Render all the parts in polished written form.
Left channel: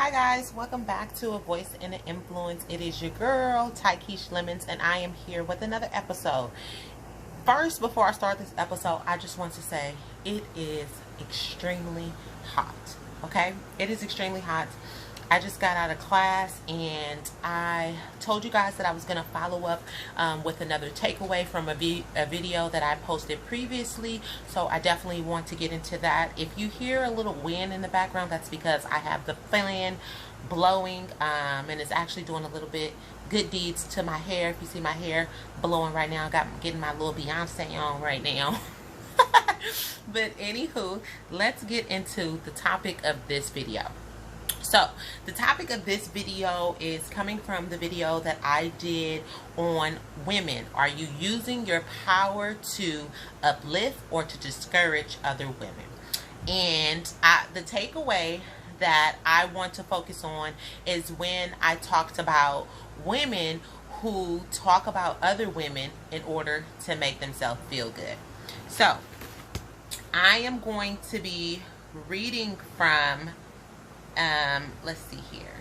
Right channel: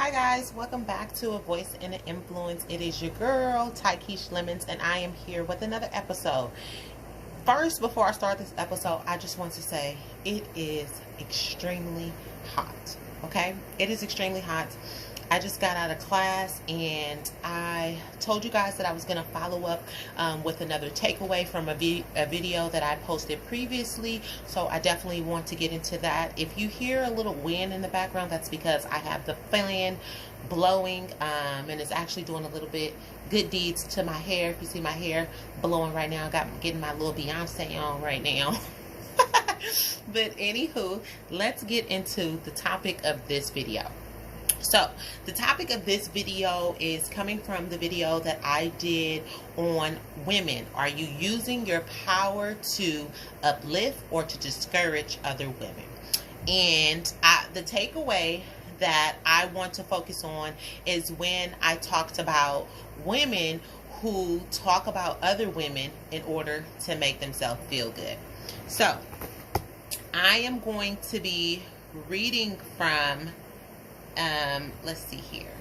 Hi guys, welcome back to A Voice and an Influence. It is your girl, Tykeisha Lemons, and I am here with another episode. First, before I start this episode, I just want to say it is extremely hot. Okay? It is extremely hot. I just got out of class and I told you guys that I was going to follow up with another takeaway from a video that I posted previously. So I definitely want to get into that. If you hear a little wind in the background, that's because I have the fan blowing and it's actually doing a little bit good deeds to my hair. If you see my hair blowing right now, getting my little Beyonce on right now. But anywho, let's get into the topic of this video. So the topic of this video is coming from the video that I did on women. Are you using your power to uplift or to discourage other women? And the takeaway that I want to focus on is when I talked about women who talk about other women in order to make themselves feel good. So I am going to be reading from let's see here.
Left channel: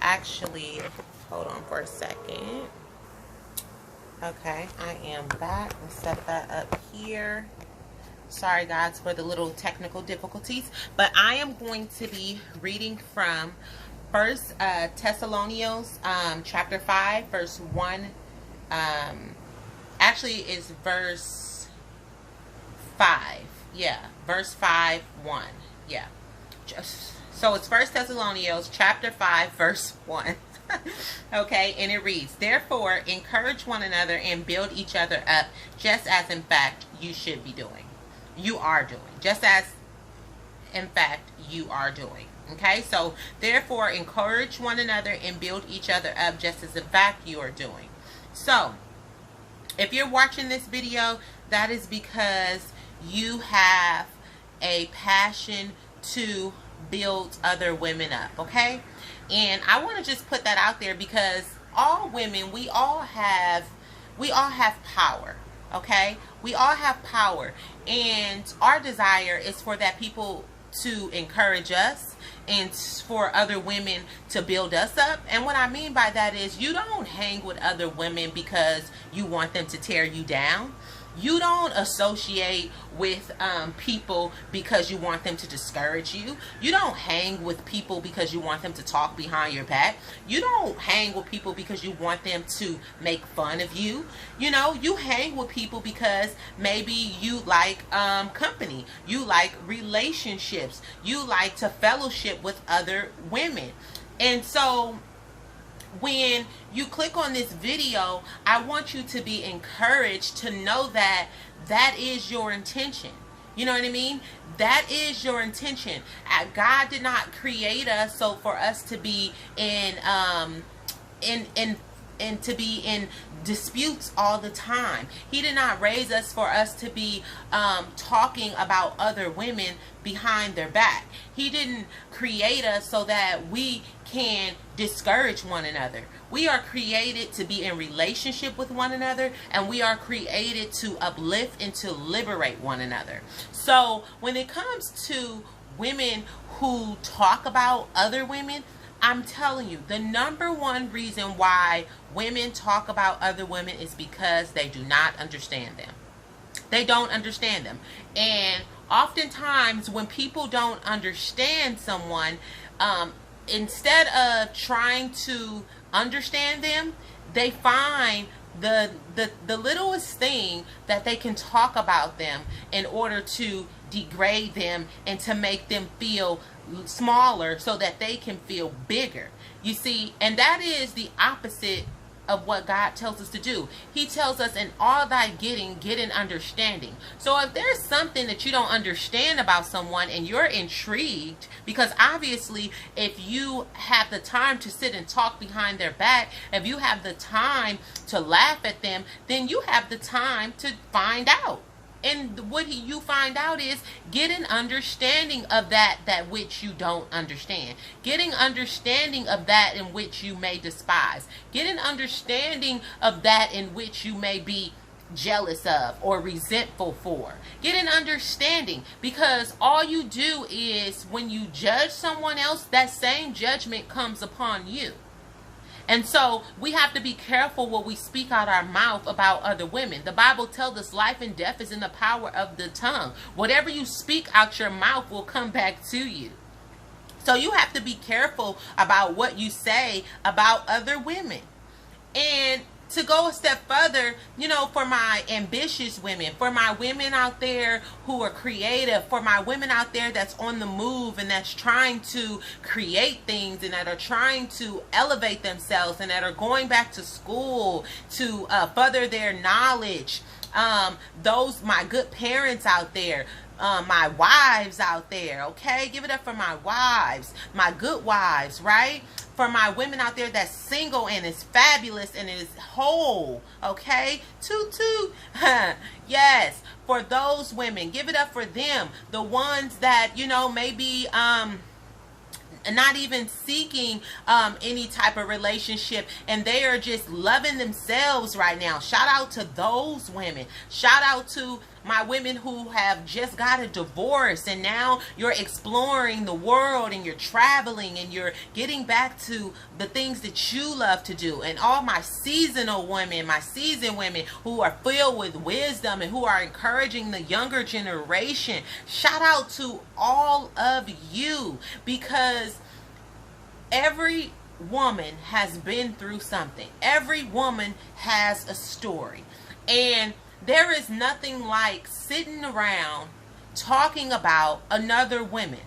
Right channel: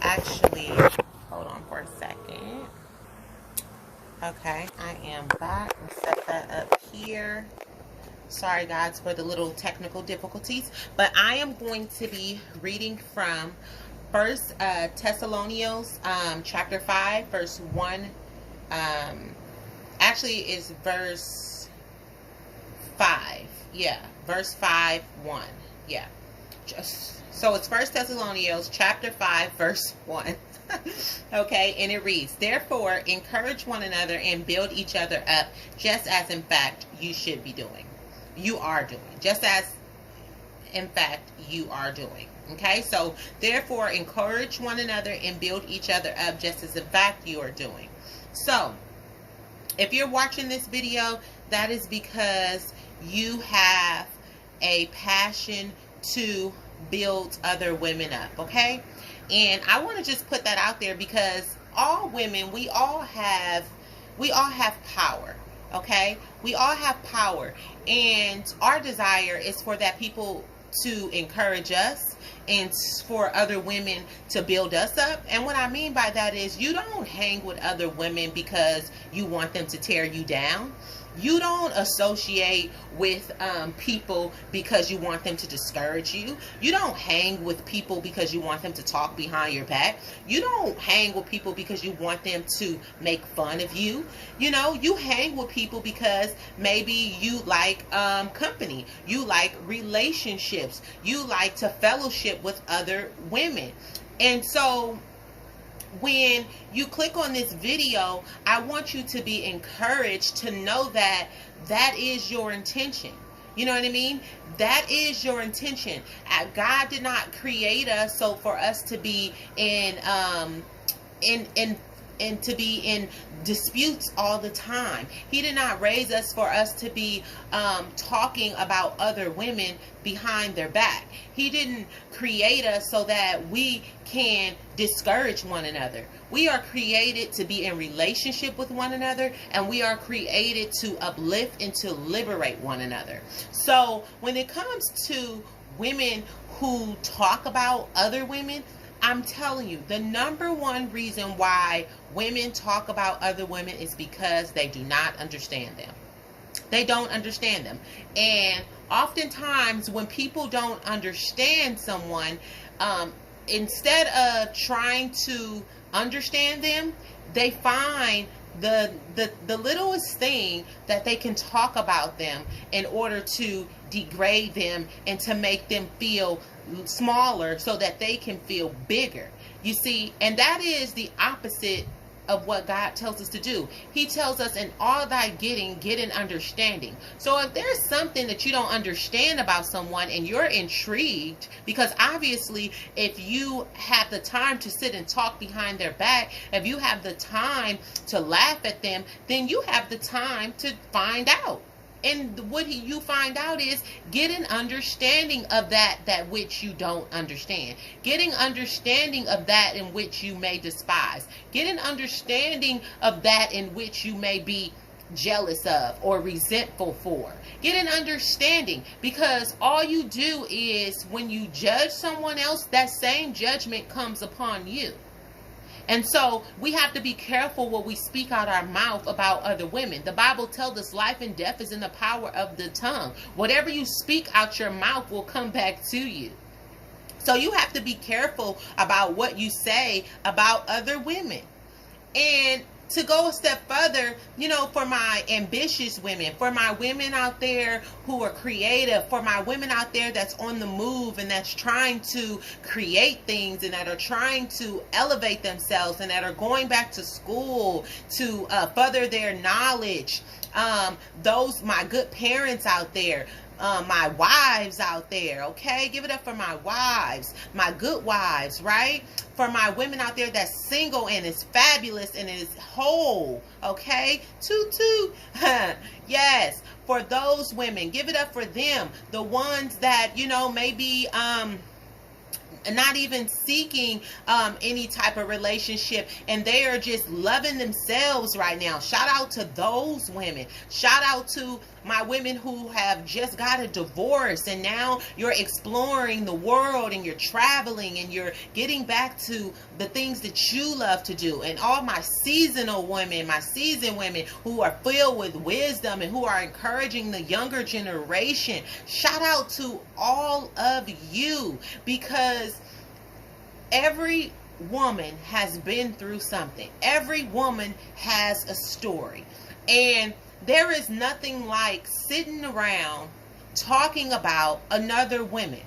Actually, hold on for a second. Okay, I am back. Let's set that up here. Sorry guys for the little technical difficulties, but I am going to be reading from First Thessalonians chapter 5 verse 1. Actually it's verse 5. Yeah, verse 5 1. Yeah. So it's First Thessalonians chapter 5 verse 1. Okay, and it reads, "Therefore encourage one another and build each other up, just as in fact you should be doing." You are doing. Just as in fact you are doing. Okay, so therefore encourage one another and build each other up, just as in fact you are doing. So if you're watching this video, that is because you have a passion to build other women up, okay? And I want to just put that out there because all women, we all have power, okay? We all have power, and our desire is for that people to encourage us and for other women to build us up. And what I mean by that is you don't hang with other women because you want them to tear you down. You don't associate with people because you want them to discourage you. You don't hang with people because you want them to talk behind your back. You don't hang with people because you want them to make fun of you. You know, you hang with people because maybe you like company. You like relationships. You like to fellowship with other women. And so when you click on this video, I want you to be encouraged to know that that is your intention. You know what I mean? That is your intention. God did not create us so for us to be in to be in disputes all the time. He did not raise us for us to be talking about other women behind their back. He didn't create us so that we can discourage one another. We are created to be in relationship with one another, and we are created to uplift and to liberate one another. So when it comes to women who talk about other women, I'm telling you, the number one reason why women talk about other women is because they do not understand them. They don't understand them. And oftentimes when people don't understand someone, instead of trying to understand them, they find the littlest thing that they can talk about them in order to degrade them and to make them feel smaller so that they can feel bigger. You see, and that is the opposite of what God tells us to do. He tells us, in all thy getting, get an understanding. So if there's something that you don't understand about someone and you're intrigued, because obviously if you have the time to sit and talk behind their back, if you have the time to laugh at them, then you have the time to find out. And what you find out is get an understanding of that which you don't understand. Getting understanding of that in which you may despise. Get an understanding of that in which you may be jealous of or resentful for. Get an understanding, because all you do is when you judge someone else, that same judgment comes upon you. And so we have to be careful what we speak out our mouth about other women. The Bible tells us life and death is in the power of the tongue. Whatever you speak out your mouth will come back to you. So you have to be careful about what you say about other women. And to go a step further, you know, for my ambitious women, for my women out there who are creative, for my women out there that's on the move and that's trying to create things and that are trying to elevate themselves and that are going back to school to further their knowledge, those my good parents out there, my wives out there, okay? Give it up for my wives, my good wives, right? For my women out there that's single and is fabulous and is whole, okay? Toot toot. Yes, for those women, give it up for them. The ones that, you know, maybe not even seeking any type of relationship, and they are just loving themselves right now. Shout out to those women. Shout out to my women who have just got a divorce and now you're exploring the world and you're traveling and you're getting back to the things that you love to do. And all my seasonal women, my seasoned women who are filled with wisdom and who are encouraging the younger generation. Shout out to all of you, because every woman has been through something. Every woman has a story. And there is nothing like sitting around talking about another woman.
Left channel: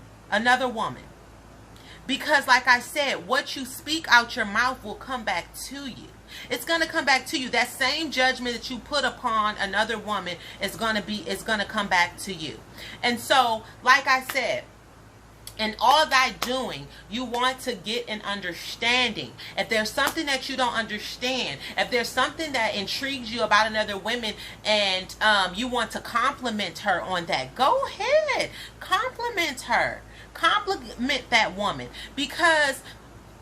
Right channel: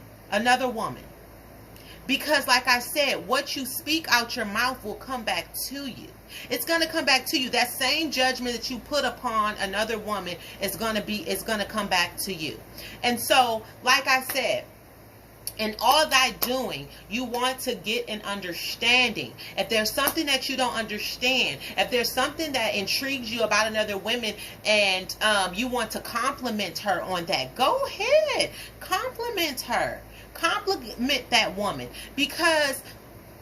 Because like I said, what you speak out your mouth will come back to you. It's going to come back to you. That same judgment that you put upon another woman is going to come back to you. And so, like I said, in all thy doing, you want to get an understanding. If there's something that you don't understand, if there's something that intrigues you about another woman and you want to compliment her on that, go ahead. Compliment her. Compliment that woman. Because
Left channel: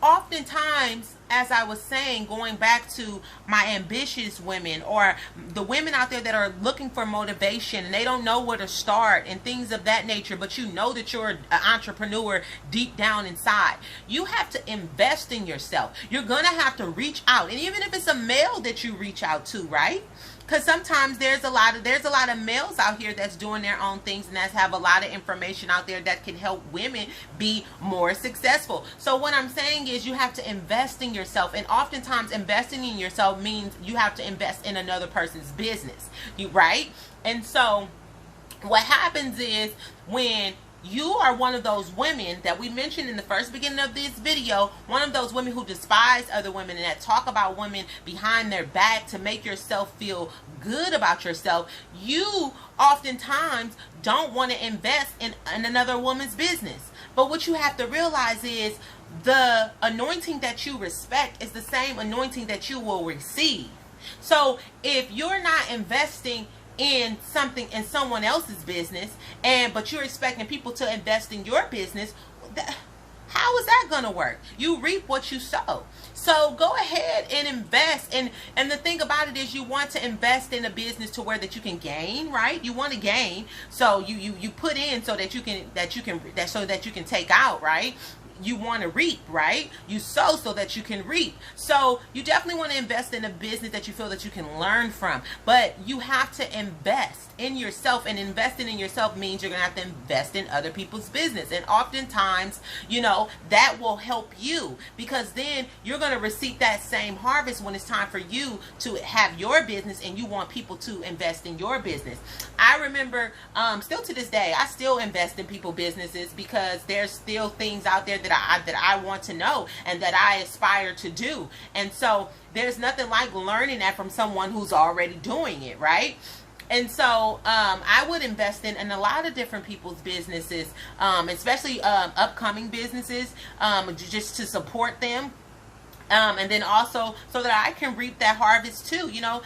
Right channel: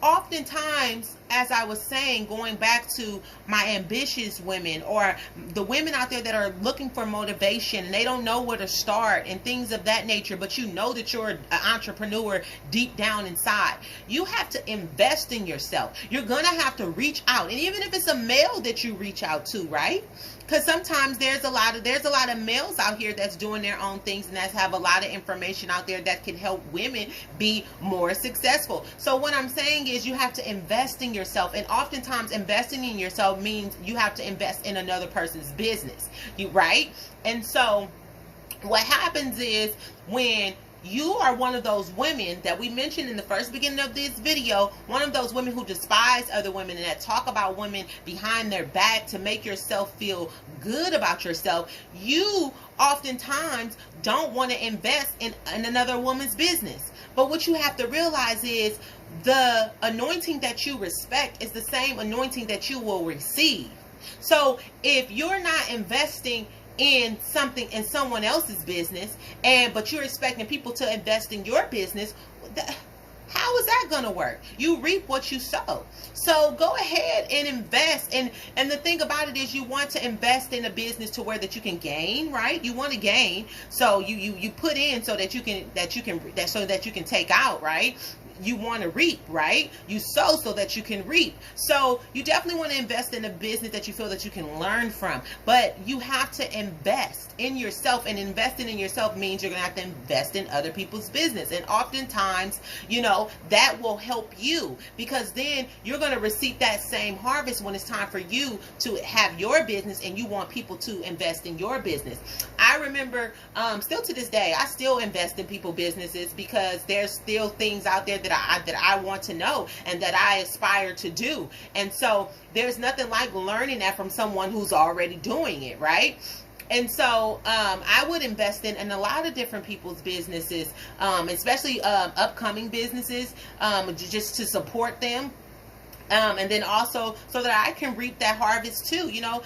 oftentimes, as I was saying, going back to my ambitious women or the women out there that are looking for motivation and they don't know where to start and things of that nature, but you know that you're an entrepreneur deep down inside, you have to invest in yourself. You're going to have to reach out. And even if it's a male that you reach out to, right? Because sometimes there's a lot of males out here that's doing their own things and that's have a lot of information out there that can help women be more successful. So what I'm saying is you have to invest in yourself, and oftentimes investing in yourself means you have to invest in another person's business, right? And so what happens is when you are one of those women that we mentioned in the first beginning of this video, one of those women who despise other women and that talk about women behind their back to make yourself feel good about yourself, you oftentimes don't want to invest in another woman's business. But what you have to realize is the anointing that you respect is the same anointing that you will receive. So if you're not investing in something in someone else's business, but you're expecting people to invest in your business, how is that going to work? You reap what you sow. So go ahead and invest. And the thing about it is you want to invest in a business to where that you can gain, right? You want to gain. So you put in so that you can take out, right? You want to reap, right? You sow so that you can reap. So you definitely want to invest in a business that you feel that you can learn from. But you have to invest in yourself, and investing in yourself means you're going to have to invest in other people's business. And oftentimes, you know, that will help you, because then you're going to receive that same harvest when it's time for you to have your business and you want people to invest in your business. I remember, still to this day, I still invest in people's businesses because there's still things out there that I want to know and that I aspire to do. And so there's nothing like learning that from someone who's already doing it, right? And so I would invest in a lot of different people's businesses, especially upcoming businesses, just to support them. And then also so that I can reap that harvest too. You know,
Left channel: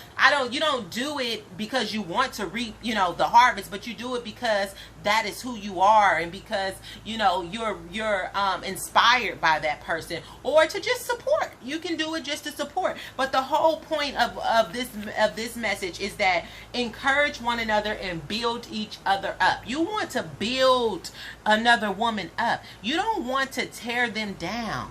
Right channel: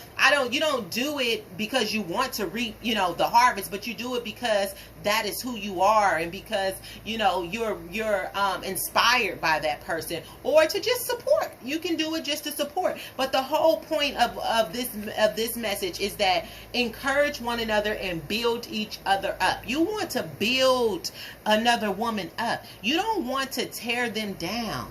you don't do it because you want to reap, you know, the harvest, but you do it because that is who you are, and because, you know, you're inspired by that person, or to just support. You can do it just to support. But the whole point of this message is that encourage one another and build each other up. You want to build another woman up. You don't want to tear them down.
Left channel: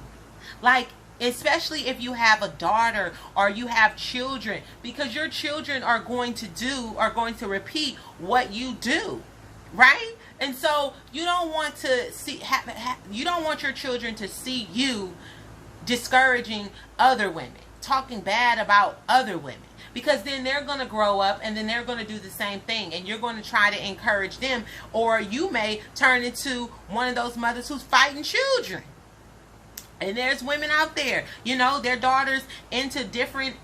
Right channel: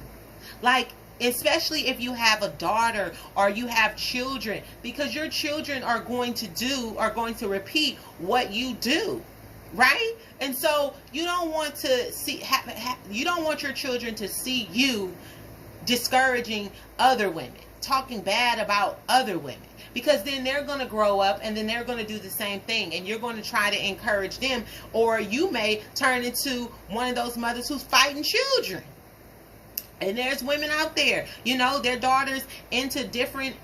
Like, especially if you have a daughter or you have children, because your children are going to repeat what you do, right? And so you don't want to you don't want your children to see you discouraging other women, talking bad about other women, because then they're going to grow up and then they're going to do the same thing, and you're going to try to encourage them, or you may turn into one of those mothers who's fighting children. And there's women out there, you know, their daughters into different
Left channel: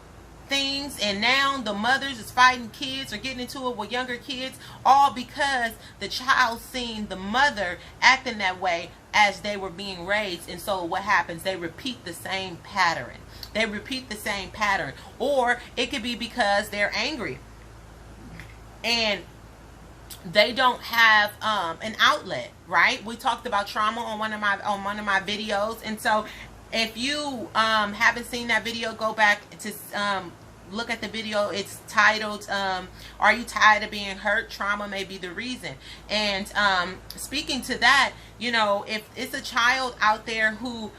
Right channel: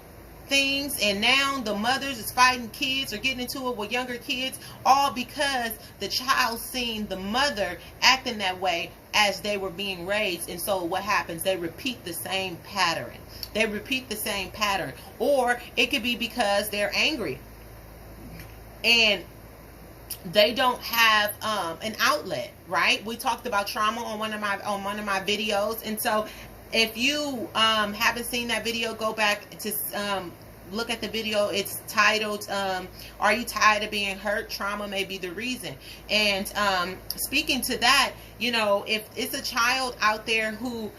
things, and now the mothers is fighting kids or getting into it with younger kids, all because the child seen the mother acting that way as they were being raised. And so what happens? They repeat the same pattern. They repeat the same pattern. Or it could be because they're angry and they don't have an outlet, right? We talked about trauma on one of my videos, and so if you haven't seen that video, go back to look at the video. It's titled "Are You Tired of Being Hurt? Trauma May Be the Reason." And speaking to that, you know, if it's a child out there who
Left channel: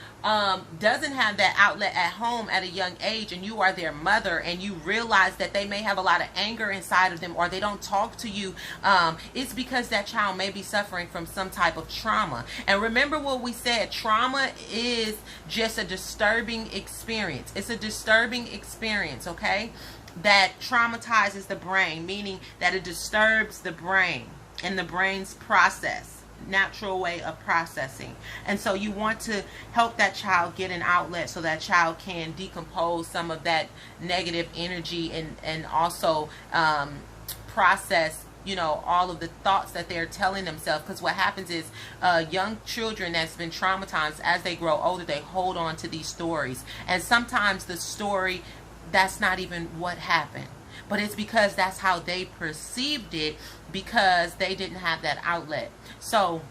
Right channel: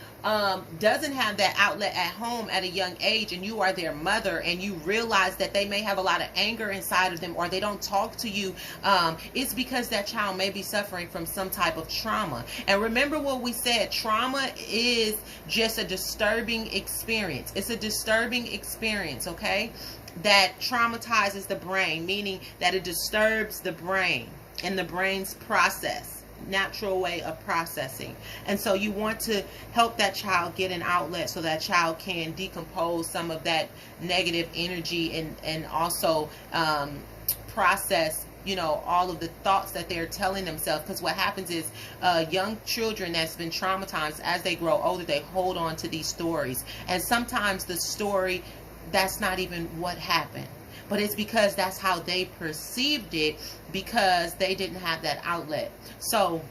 doesn't have that outlet at home at a young age, and you are their mother, and you realize that they may have a lot of anger inside of them, or they don't talk to you, it's because that child may be suffering from some type of trauma. And remember what we said, trauma is just a disturbing experience. It's a disturbing experience, okay, that traumatizes the brain, meaning that it disturbs the brain and the brain's natural way of processing. And so you want to help that child get an outlet so that child can decompose some of that negative energy, and also process, you know, all of the thoughts that they're telling themselves. Because what happens is young children that's been traumatized, as they grow older, they hold on to these stories, and sometimes the story, that's not even what happened, but it's because that's how they perceived it, because they didn't have that outlet. So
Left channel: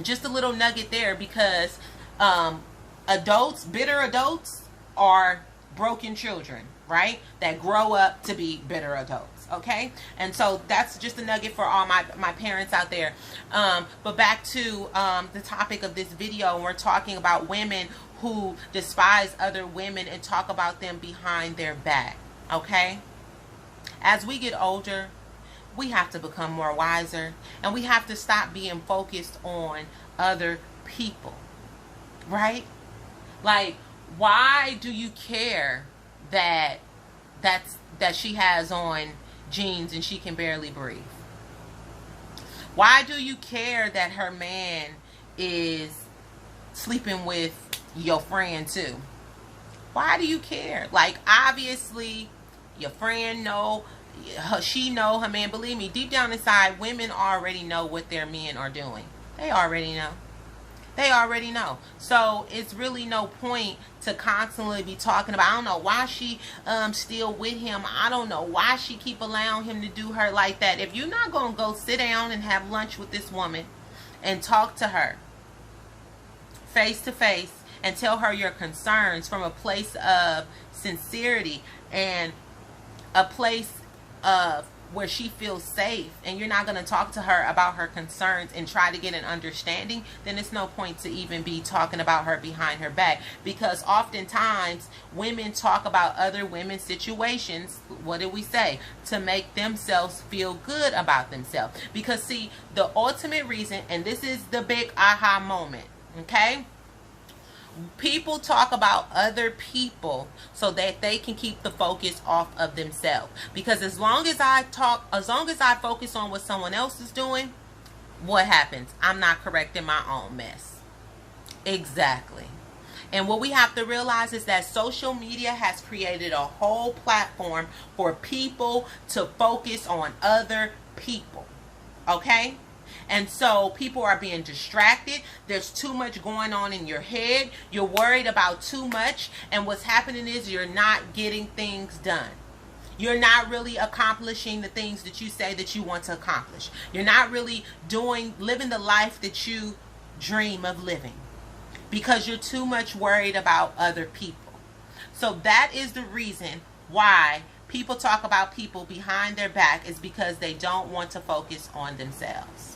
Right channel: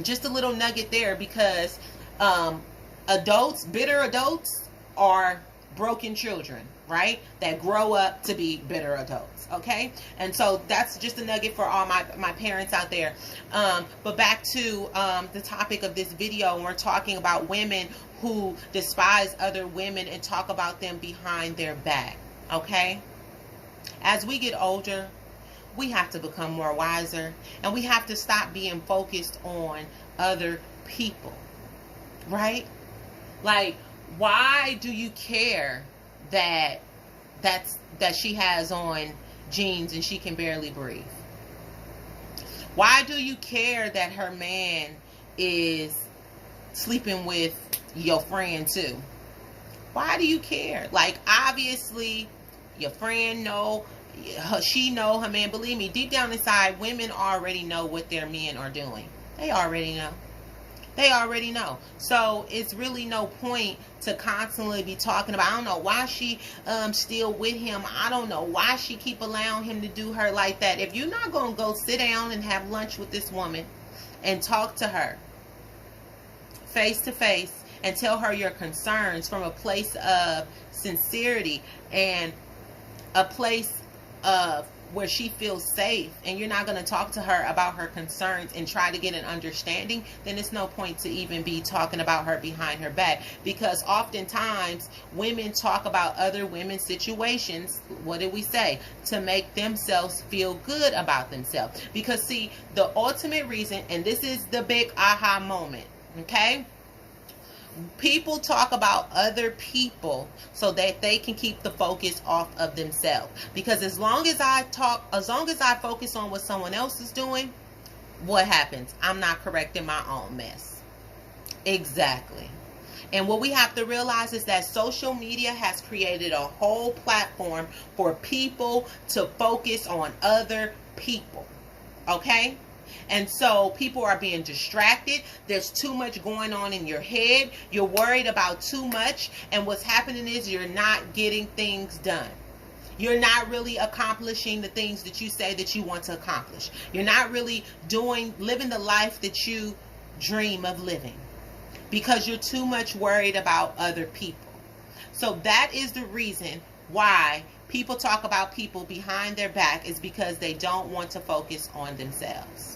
just a little nugget there, because bitter adults are broken children, right? That grow up to be bitter adults, okay? And so that's just a nugget for all my parents out there. But back to the topic of this video, and we're talking about women who despise other women and talk about them behind their back, okay? As we get older, we have to become more wiser, and we have to stop being focused on other people, right? Like, why do you care that she has on jeans and she can barely breathe? Why do you care that her man is sleeping with your friend too? Why do you care? Like, obviously your friend she know her man. Believe me, deep down inside, women already know what their men are doing. They already know. They already know. So it's really no point to constantly be talking about, I don't know why she still with him. I don't know why she keep allowing him to do her like that. If you're not going to go sit down and have lunch with this woman and talk to her face to face and tell her your concerns from a place of sincerity and a place of where she feels safe, and you're not going to talk to her about her concerns and try to get an understanding, then it's no point to even be talking about her behind her back. Because oftentimes women talk about other women's situations, what did we say, to make themselves feel good about themselves. Because see, the ultimate reason, and this is the big aha moment, okay, people talk about other people so that they can keep the focus off of themselves. Because as long as I focus on what someone else is doing, what happens? I'm not correcting my own mess. Exactly. And what we have to realize is that social media has created a whole platform for people to focus on other people. Okay? And so people are being distracted. There's too much going on in your head. You're worried about too much. And what's happening is you're not getting things done. You're not really accomplishing the things that you say that you want to accomplish. You're not really living the life that you dream of living because you're too much worried about other people. So that is the reason why people talk about people behind their back, is because they don't want to focus on themselves.